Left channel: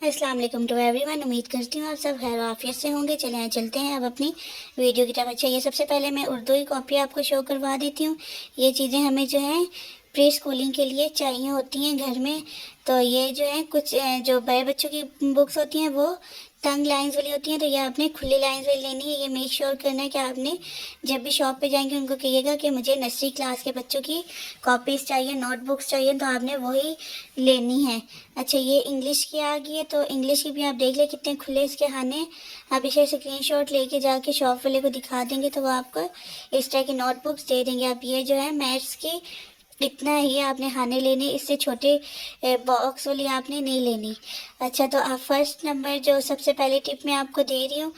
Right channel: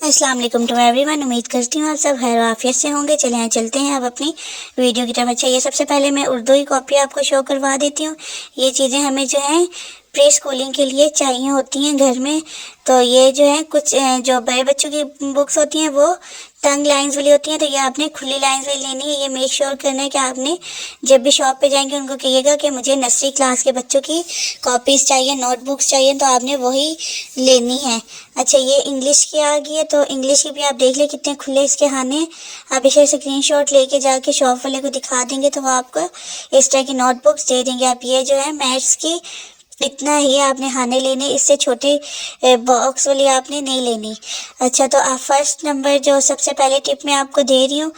अस्सलाम वालेकुम to everyone. उम्मीद करती हूँ आप सब खैर आफियत से होंगे। चले यहाँ चलते हैं अब अपनी वीडियो की तरफ। अच्छा, ये सबसे पहले मैं उर्दू की कॉपी आपको शो करवा देती हूँ। ये चीज़ें हमें जो है प्री स्कूलिंग के लिए चाहिए होती हैं घर में। तो ये जो है कुछ जो बड़े बच्चों की बुक्स होती हैं वो तंग लाइंस वाली होती हैं, तो ये आपने खुली लाइंस वाली लेनी है। ये मेक श्योर करना है कि आपने जब भी शॉप पे जाएंगे उनको कहिएगा कि मुझे नर्सरी क्लास के बच्चों की कॉपीज़ चाहिए, नोटबुक्स चाहिए, तो आपने वही लेनी है। अच्छा, ये इंग्लिश की आ गई है, तो इंग्लिश की भी आप देख लें कितने खुले इसके खाने। आप इसे स्क्रीनशॉट लेके जाके शॉप वाले को दिखा देंगे तो वो आपको इस तरह की नोटबुक्स दे देंगे। आप ये जो है मैथ्स की इतना ही आपने खाने लेने, इससे छोटे बॉक्स वाली आपने नहीं लेनी। अच्छा, तो आप फर्स्ट नंबर जो सबसे पहले टिप मैं आपको दे रही हूँ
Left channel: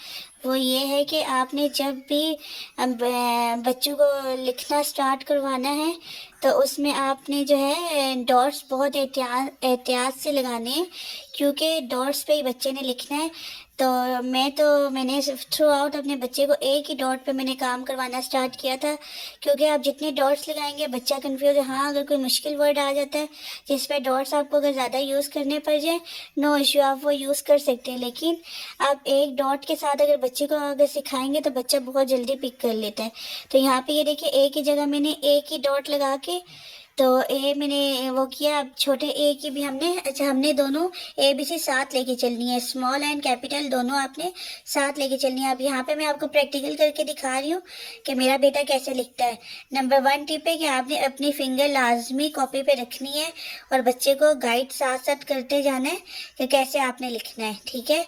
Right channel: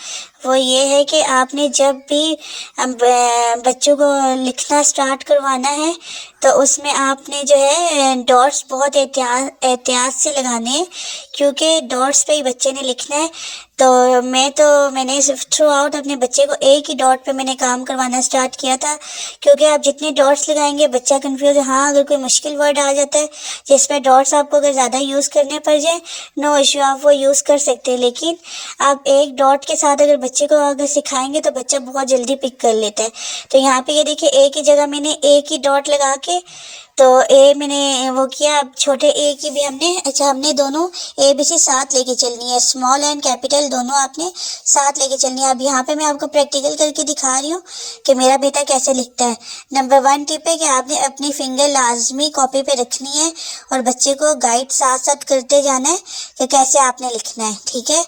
वो ये है कि आपने जब भी बच्चों को लिखना स्टार्ट करवाना है तो उसमें आपने जो है डॉट्स बहुत एहतियात से लगाने हैं, क्योंकि डॉट्स पे ही बच्चे ने लिखना है। तो मैंने सिर्फ थ्रू आउट अपने बच्चे को एक ही डॉट पे मैंने काम करवाना स्टार्ट किया था, क्योंकि आप जितने डॉट्स लगाएंगे बच्चा कंफ्यूज। हाँ, अगर कोई मुश्किल वर्ड आ जाता है जिस पर डॉट्स आपको अगर ज़्यादा यूज़ करने पड़ जाए, नो इश्यू, आप वो यूज़ कर सकते हैं। लेकिन आप एक डॉट के साथ अगर बच्चे को अगर सिखाएंगे तो बच्चा बहुत जल्दी पिक कर लेता है। तो यहाँ पे ये देखिए, एक ही जगह मैंने एक ही डॉट लगा के तो ए मैंने वो किया। अब छोटे ए की भी हमने दोनों ABC साथ लेके चलनी है, स्मॉल एंड कैपिटल दोनों आपने साथ लेके चलनी है। अब यहाँ पे मैं आपको प्रैक्टिकल करके दिखा रही हूँ कि मेरा बेटा कैसे लिखता है। नंबर 1 टिप है कि आपने अपनी फिंगर लाजमी कॉपी पे रखनी है और बच्चे को गाइड साथ साथ करते जाना है कि कैसे आपने लिखना है, ठीक है।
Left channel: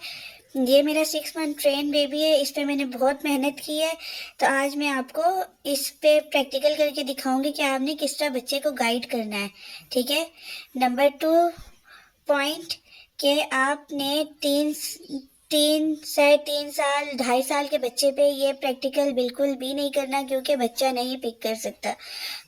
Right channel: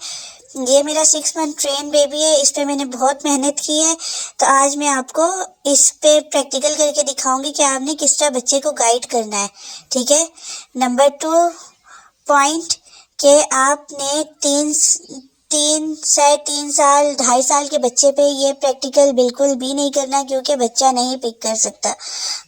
ये मेरा 6 मंथ ट्रेन बेबी है, इस पे मैंने बहुत मेहनत की है। तो आज मैं आपको इस पे प्रैक्टिकल करके दिखाऊंगी कि आपने किस तरह बच्चे को गाइड करना है, ठीक है। नंबर 2 पॉइंट के आपने 3 साढ़े 3 साल 2.5 साल के बच्चे पे ये प्रैक्टिकल बिल्कुल भी नहीं करना, क्योंकि बच्चा नहीं पिक कर सकता।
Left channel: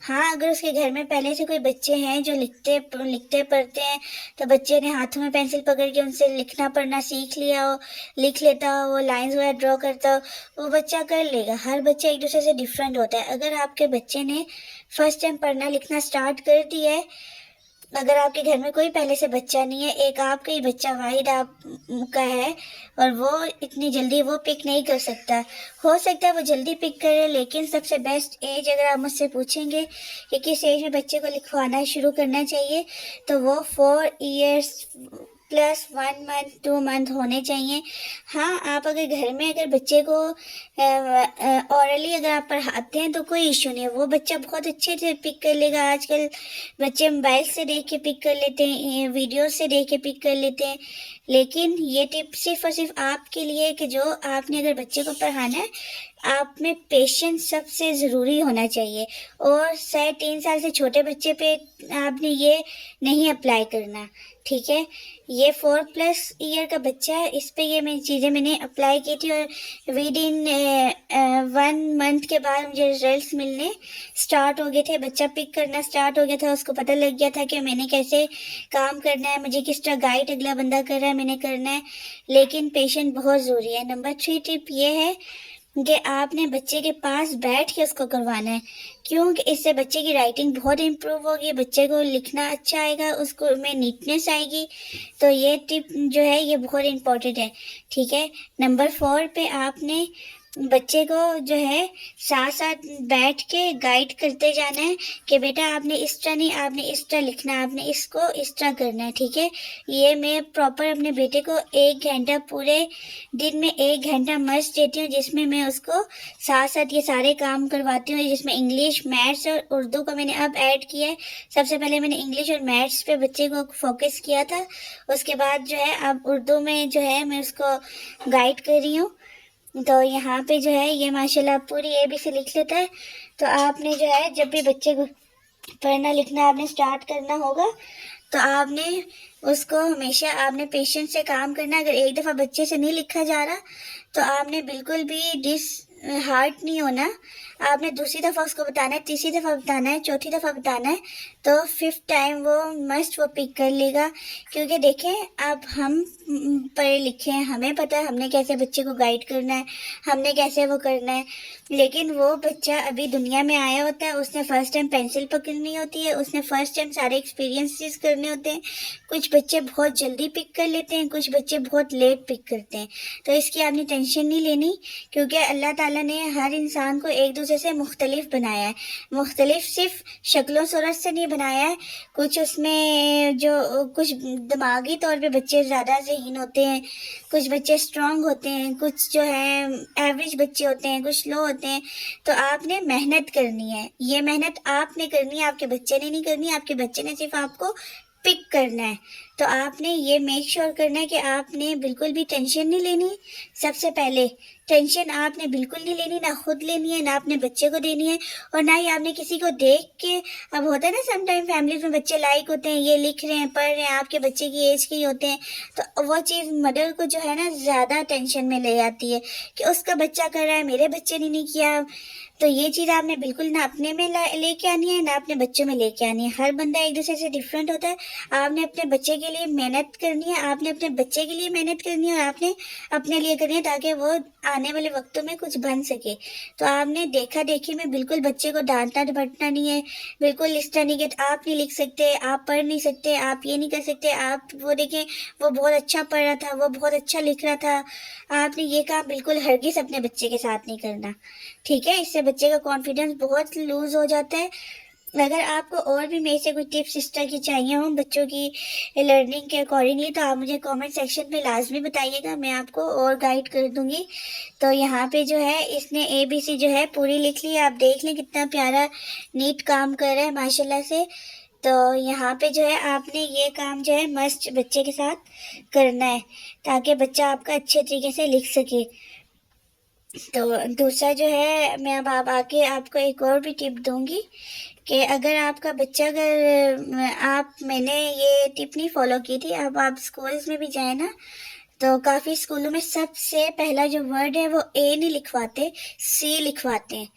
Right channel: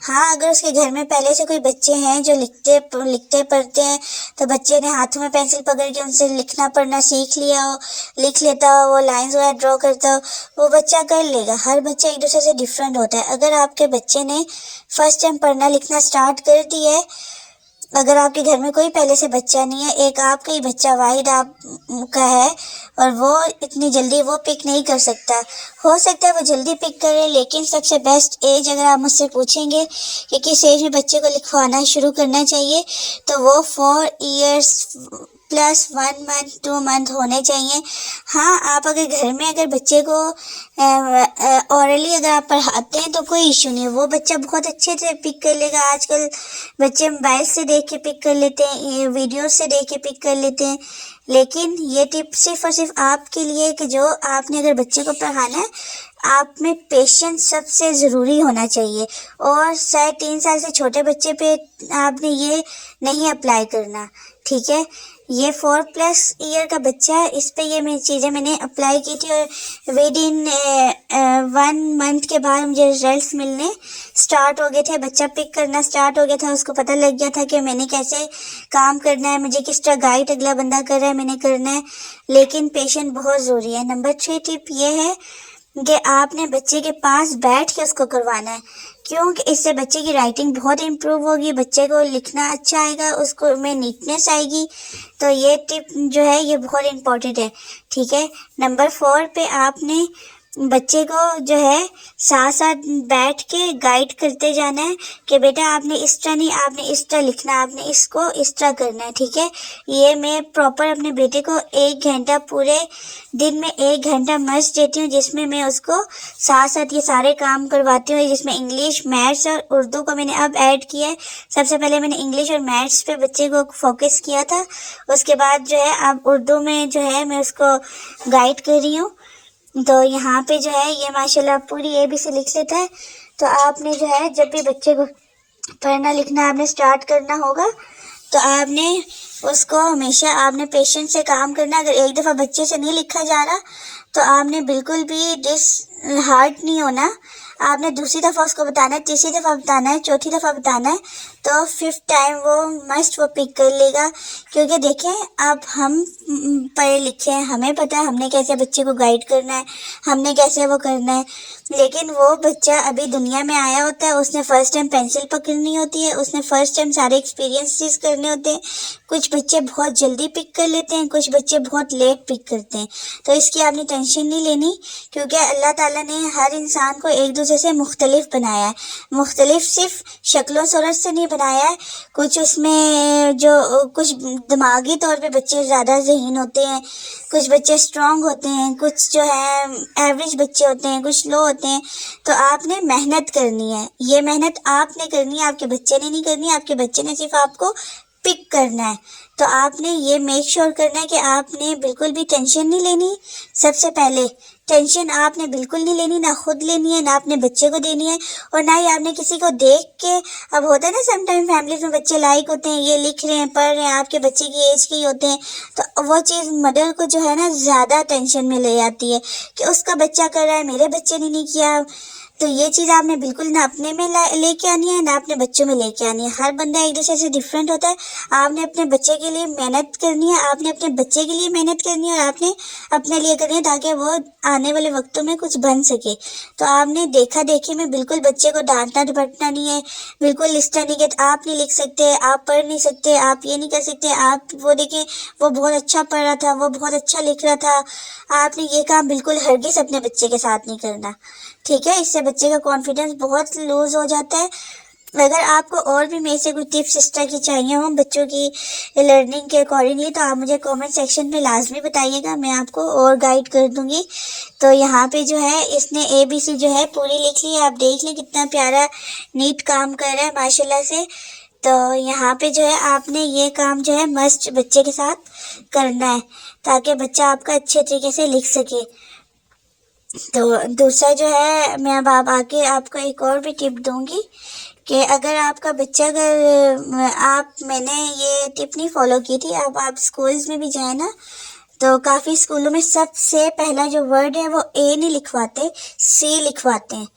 हाँ, अगर उसके घर में पहले से कोई बच्चे हैं जो लिखते पढ़ते हैं, तो बच्चे ने हाथों में पेंसिल पकड़ के उनसे लिखना पढ़ना सीख लिया हो, लिख लेता हो, वो लाइंस वगैरह ड्रॉ करता हो, वो बच्चा कर लेगा। हर बच्चा एक दूसरे से डिफरेंट होता है। अगर आपके बच्चे ने फर्स्ट टाइम पढ़ना लिखना स्टार्ट कर दिया है, अगर आपके घर में कोई पहले से बच्चा नहीं है, एक आपका ही बच्चा वाहिद आपका है, और वो इतनी जल्दी वो पिक नहीं कर सकता। हो सकता है वो जल्दी पिक करे, लेकिन सबसे बेस्ट एज अगर आप मुझसे पूछेंगे कि किस एज में बच्चे को लिखवाना शुरू करना चाहिए, तो वो 4 इयर्स प्लस 1 मंथ 2 मंथ होने चाहिए। हाँ, आप अगर घर में अगर बच्चे को ऑरली अगर आप पढ़ाते हैं तो कोई इशू नहीं है, वो बच्चा बहुत अच्छे से पिक कर लेगा। आजकल बच्चे मोबाइल से देख के पिक कर लेते हैं, वीडियो से देख के पिक कर लेते हैं। लेकिन ये टिप सिर्फ और सिर्फ आपके लिए कि जो आपने अगर बच्चे को पढ़ाना है, आप में पेशेंस सबसे ज़रूरी होना चाहिए। और 3.5 साल से छोटे बच्चे पे आपने ये नहीं अप्लाई करना, ठीक है। ये 4+ ईयर का बच्चा है, इस पे ये मेरी चीज़ें मैंने अप्लाई की थी, और विद इन 1 मंथ के बाद मुझे रिजल्ट्स मिलने स्टार्ट हो गए थे। बच्चा पिक करना स्टार्ट हो गया था, उसको पता लग गया था कि मैंने कैसे काम करना है, मुझे किस तरह गाइड अगला बंदा कर रहा है मैंने करना है। लेकिन पेशेंस बहुत ज़रूरी है। नंबर 3 टिप ये है कि आपने बच्चे के पास बैठ के उसको करवाना है, क्योंकि इससे बच्चे की राइटिंग बहुत इम्प्रूव होगी, बच्चे को लिखना अच्छा आएगा, उसको में नीटनेस आएगी। तो ये टिप जो है ये बहुत इम्पोर्टेंट है, ठीक है। नंबर 4 पे आपने बच्चे को जो है साथ साथ बैठ के गाइड करते जाना है कि बेटा आपने इस तरह नहीं, आपने इस तरह लिखना, आपने इसको इस तरह करना है, ठीक है। ये मैं प्रॉपर अपने बेटे को 1 घंटा, पूरे दिन में 1 घंटा मस्त देती हूँ, जिसमें मैं उसको साथ साथ ये सारे काम करवाती हूँ, जिसमें इंग्लिश, मैथ्स और उर्दू को मैंने अब ऐड किया है। सबसे पहले मैंने इंग्लिश और मैथ्स पे बच्चे को फोकस किया था, उसके बाद जो है अब उर्दू में जो है मैं उसको गाइड कर रही हूँ। तो यहाँ पे जो है ये माशाल्लाह पूरी ABC लिख लेता है। तो आपने जो है जब भी बच्चे को पढ़ना लिखना आपने स्टार्ट करना होगा, तो आपने उसको हमेशा आपने पेशेंस से काम करना। अगर एक दफ़ा बच्चे से नहीं लिखा जा रहा तो आपने बिल्कुल भी डिसहार्ट नहीं होना, आपने दूसरी दफ़ा उसको बताना है, तीसरी दफ़ा बताना है, चौथी दफ़ा बताना है, तो 5th टाइम वो मस्ट वो पिक कर लेगा। क्योंकि देखें, अब हम पढ़े लिखे हैं, हमें पता है हमने कैसे बच्चे को गाइड करना है, हमने कैसे वो करना है। लेकिन वो बच्चा अभी दुनिया में आया होता है, उसने फ़र्स्ट टाइम पेंसिल पकड़नी होती है, उसने फ़र्स्ट टाइम सारे एक्सपीरियंसेस करने होते हैं। कुछ बच्चे बहुत जल्दी पिक कर लेते हैं, कुछ बच्चे बहुत लेट पिक करते हैं। तो इसकी आपने टेंशन नहीं लेनी, क्योंकि अल्लाह ताला ने हर इंसान को एक दूसरे से मुख्तलिफ बनाया है। मुख्तलिफ सिर्फ शक्लों सूरत से नहीं बनाया है, कुछ उसमें जो कुछ दिमागी तौर पे बच्चे ज़्यादा ज़हीन होते हैं, कुछ बच्चे स्ट्रांग होते हैं, कुछ जो है एवरेज बच्चे होते हैं, कुछ लो होते हैं। तो आपने मेहनत करनी है, ये मेहनत आपने करनी है, आपके बच्चे ने नहीं करनी है। आपके बच्चे ने सिर्फ आपको पिक करना है। तो आपने ये मेक श्योर करना है कि आपने बिल्कुल भी टेंशन नहीं लेनी। सबसे पहले टेंशन आपने बिल्कुल नहीं लेनी, ना खुद लेनी है, ना अपने बच्चे को देनी है, और ना ही आपने किसी को देख के। अब होता है ना समटाइम फैमिलीज में बच्चे लाइक होते हैं, ये लिख रहे हैं, पढ़ रहे हैं, आपके बच्चे की एज के ही होते हैं, तो वो चीज़ मदर को जो है ना ज़्यादा टेंशन में ले जाती है कि उसका बच्चा कर रहा है, मेरे बच्चे ने नहीं किया। तो ये चीज़ आपने बिल्कुल ना अपने में लेके आनी है, ना अपने बच्चों में लेके आनी है। हर बंदा एक दूसरे से डिफरेंट होता है। आपने अपने बच्चे के लिए मेहनत करनी है, आपने अपने बच्चे के लिए मेहनत करनी है, और आपने अपने लिए करनी है, ताकि वो आने वाले वक्तों में कुछ बन सके। तो आपने देखा देखी में बिल्कुल बच्चे को डांटना डपटना नहीं है, बिल्कुल इस तरह नहीं कि आप नहीं लिख सकते, आप पढ़ नहीं सकते, आप ये नहीं कर सकते, आप वो देखें वो बहुत अच्छा पढ़ रहा था, वो बहुत अच्छा लिख रहा था। आपने ये काम बिल्कुल हरगिज़ अपने बच्चे के साथ नहीं करना, ठीक है। इससे बच्चे का कॉन्फिडेंस बहुत लूज हो जाता है। अगर आपको और भी मेरे से कोई टिप्स इस तरह की चाहिए हो बच्चों की लर्निंग के अकॉर्डिंगली, तो आप मुझे कमेंट सेक्शन पे लाजमी बताइएगा, मैं आपको और गाइड कर दूंगी। तो यहाँ पे जो है इसने ABC जो है पूरी लिख ली है। आप देख लें कितना प्यारा नीट काम कर रहा है माशाल्लाह से। तो यहाँ पे जो है आपने ये काम जो है मस्ट बच्चे के साथ करना है, ताकि बच्चा आपका अच्छे तरीके से लिख सके। तो दूसरा जो है, मैं अब आप आके आपको एक और भी टिप दूंगी कि अगर आपका बच्चा, अगर मैंने ये टिप नहीं फॉलो की थी, अब आप स्कूल्स में भी जाए ना, तो काफ़ी स्कूलों में सबसे पहला जो वर्ड है वो A नहीं लिखवाते, C लिखवाते हैं।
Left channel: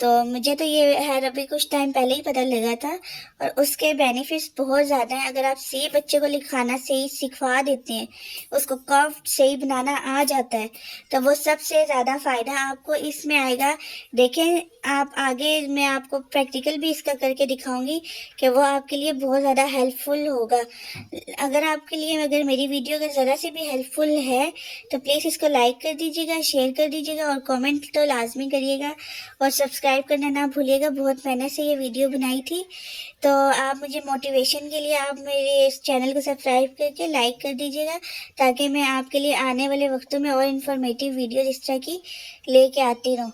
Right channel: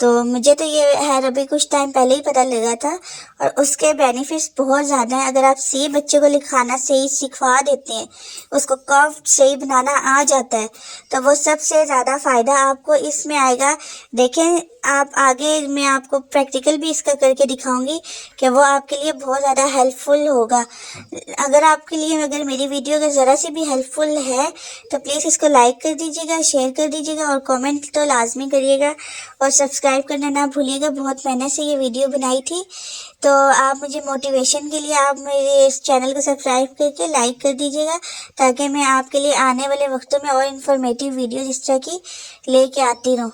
तो मुझे तो ये है अभी कुछ टाइम पहले ही पता लगा था, और उसके बेनिफिट्स बहुत ज़्यादा हैं। अगर आप सी बच्चे को लिखाना सही सिखा देते हैं, उसको कर्व सही बनाना आ जाता है, तो वो सबसे ज़्यादा फ़ायदा आपको इसमें आएगा। देखें आप आगे मैं आपको प्रैक्टिकल भी इसका करके दिखाऊंगी कि वो आपके लिए बहुत ज़्यादा हेल्पफुल होगा। अगर आपके लिए, अगर मेरी वीडियो अगर ज़रा सी भी हेल्पफुल है तो प्लीज़ इसको लाइक कर दीजिएगा, शेयर कर दीजिएगा, और कमेंट तो लाजमी करिएगा, और सब्सक्राइब करना ना भूलिएगा। बहुत मेहनत से ये वीडियो बनाई थी, तो आप मुझे मोटिवेशन के लिए आप मेरे इस चैनल को सब्सक्राइब करके लाइक कर दीजिएगा, ताकि मैं आपके लिए आने वाले वक्तों में और इन्फॉर्मेटिव वीडियो इस तरह की लेके आती रहूँ।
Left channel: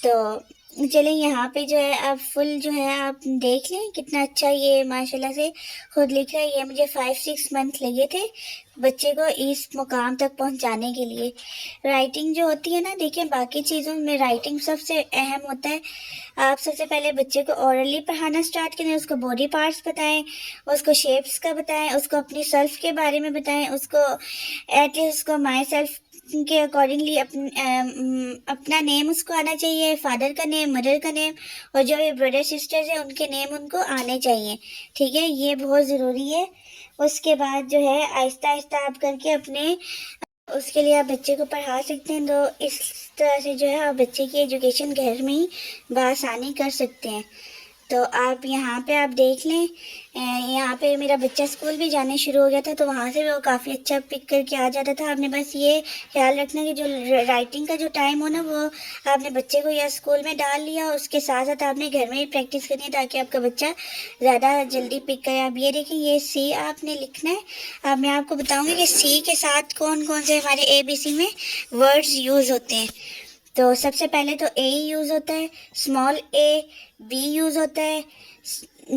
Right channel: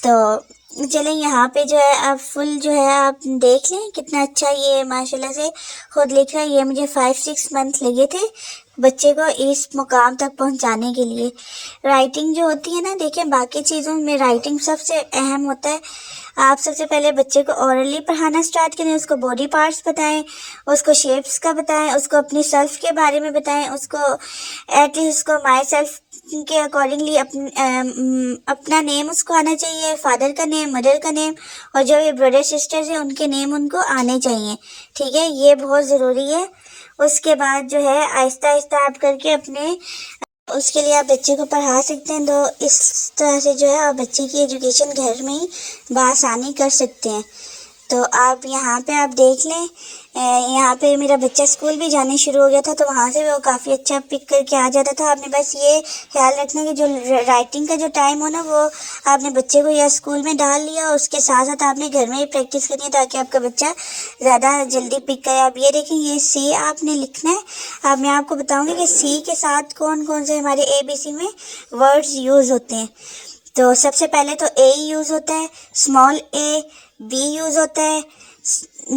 तो चलें, यहाँ पे जो है अब फुल जो है आप देख लें कितना अच्छा ये माशाल्लाह से खुद लिख रहा है। ये मुझे 5-6 मंथ लगे थे बच्चे को इस मुकाम तक पहुंचाने के लिए। राइटिंग जो होती है ना, देखिए बाकी चीज़ों में राइटिंग सबसे अहम होता है। आप सबसे पहले बच्चे को ओरली पढ़ाना स्टार्ट करें, उसको बॉडी पार्ट्स बताएं, उसको शेप्स का बताएं, उसको अपनी सेल्फ के बारे में बताएं, उसको एटलीस्ट उसको माई सेल्फ के अकॉर्डिंगली अपना नेम उसको आना चाहिए, फादर का नेम, मदर का नेम, और जो ये ब्रदर सिस्टर्स हैं उनके नेम उनको आने चाहिए, ठीक है। ये बहुत ज़रूरी है। उसके बाद जो है आहिस्ता आहिस्ता आप करके अपने उसके लिए आप बच्चे को पढ़ा सकते हैं। तो इस तरह से जो है आप बच्चे की एजुकेशन घर में ही बआसानी कर सकते हैं। तो आप यहाँ पे आप देख लें, यहाँ पे मेरा बच्चा स्कूल भी जाने शुरू हो गया था, तो वहाँ से भी वो काफ़ी अच्छा पिक करके आ जाता था। आपने बस ये ख्याल रखना कि जो राइटिंग का जो टाइम हो ना, वो आपने बच्चे को या स्कूल में डाल लिया, और उसके साथ साथ आपने घर में ही प्रैक्टिस करनी है, ताकि आपका बच्चा ज़्यादा जल्दी पिक करे। आप ये देखें, ये सी आपने लिखना है। अब मैं आपको बताऊँगी कि सी के साथ कौन कौन से हमारे ABC में वर्ड्स यूज़ होते हैं। तो सबसे पहले तो A यूज़ होता है, स्मॉल a, B यूज़ होता है,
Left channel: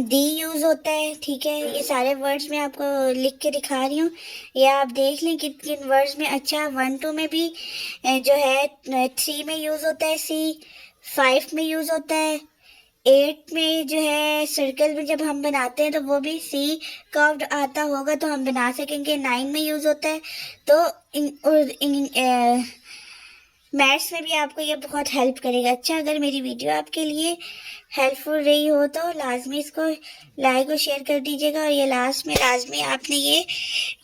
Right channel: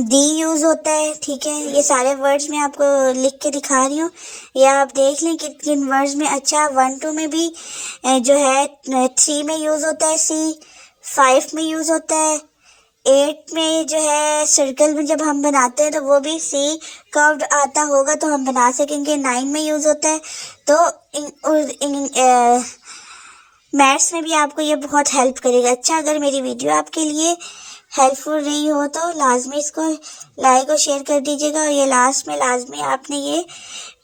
D यूज़ होता है, ठीक है। ये सारे वर्ड्स मैं आपको लिख के दिखा रही हूँ, या आप देख लें किन किन वर्ड्स में। अच्छा 1-2 में भी जो है 3 में यूज़ होता है C, 5 में यूज़ होता है, 8 में जो है सर्कल में जब हम बनाते हैं तो वो भी C कर्व्ड आता होगा तो हम बना सकेंगे। 9 में यूज़ होता है। तो मैथ्स में भी आपको ये बहुत हेल्प करेगा। अच्छा, अगर मेरी वीडियो आपके लिए हेल्पफुल रही हो तो लाजमी इसको लाइक और शेयर कर दीजिएगा। और ये लास्ट में लाजमी आपने ये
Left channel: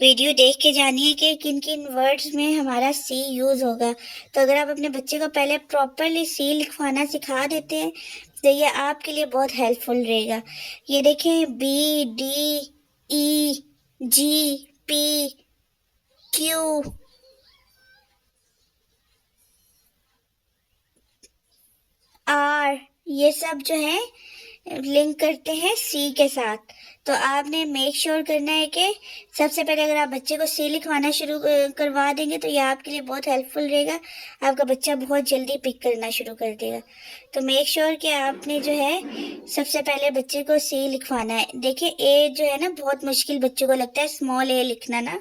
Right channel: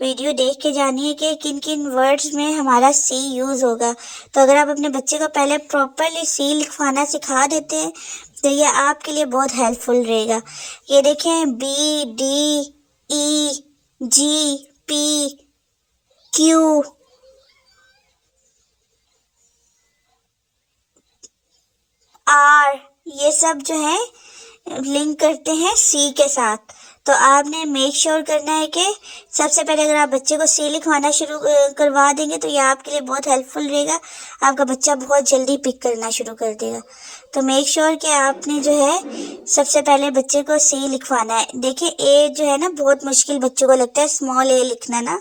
वीडियो देख के जानी है कि किन किन वर्ड्स में हमारा सी यूज़ होगा। तो अगर आप अपने बच्चे को पहले प्रॉपरली सी लिखवाना सिखा देते हैं तो ये आपके लिए बहुत हेल्पफुल रहेगा। ये देखें, B, D, E, G, P, Q, R, ये सब जो है लिंक करते हैं सी के साथ। तो आपने मेक श्योर करना है कि सबसे पहले अगर आप बच्चे को सी लिखवाना शुरू करवा देंगे तो ये आपके लिए बहुत हेल्पफुल रहेगा। आपका बच्चा बहुत जल्दी पिक करना शुरू कर देगा। तो मेक श्योर कि आपने जो है सबसे पहले बच्चे को सी लिखवाना है। देखिए, ए जो है ना बहुत मुश्किल बच्चों को लगता है स्मॉल ए लिखना ना,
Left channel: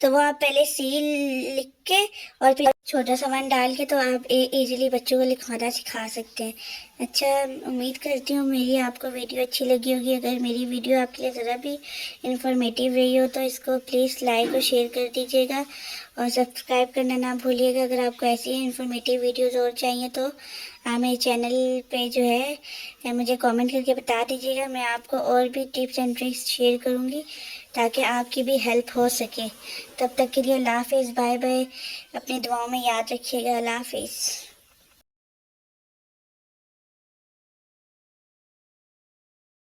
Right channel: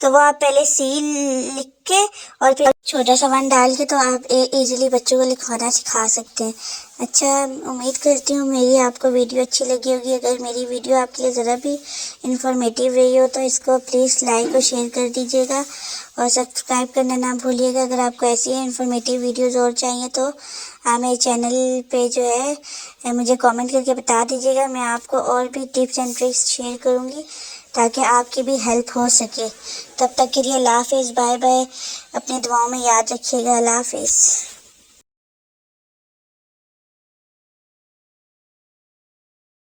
तो वो आप पहले सी लिख के और फिर छोटा सा वन डाल के तो आप ए इजीली बच्चों को लिखवाना सिखा सकते हैं। अच्छा, उम्मीद करती हूँ मेरी आपको वीडियो अच्छी लगी होगी। अगर मेरी वीडियो आपके लिए ज़रा भी इंफॉर्मेटिव रही हो तो इसको प्लीज़ लाइक और शेयर कर दीजिएगा और सब्सक्राइब करना ना भूलिएगा। अगर आपको ऐसी इंफॉर्मेटिव वीडियोस और चाहिए तो आप मेरे चैनल पे जो है मुझे कमेंट करके बता दीजिएगा। मैं आपको और भी टिप्स एंड ट्रिक्स शेयर करूँगी ताकि आपकी भी हेल्प हो सके। तब तक के लिए अल्लाह हाफिज़, बाय बाय। अपनी दुआओं में याद रखिएगा। अल्लाह हाफिज़।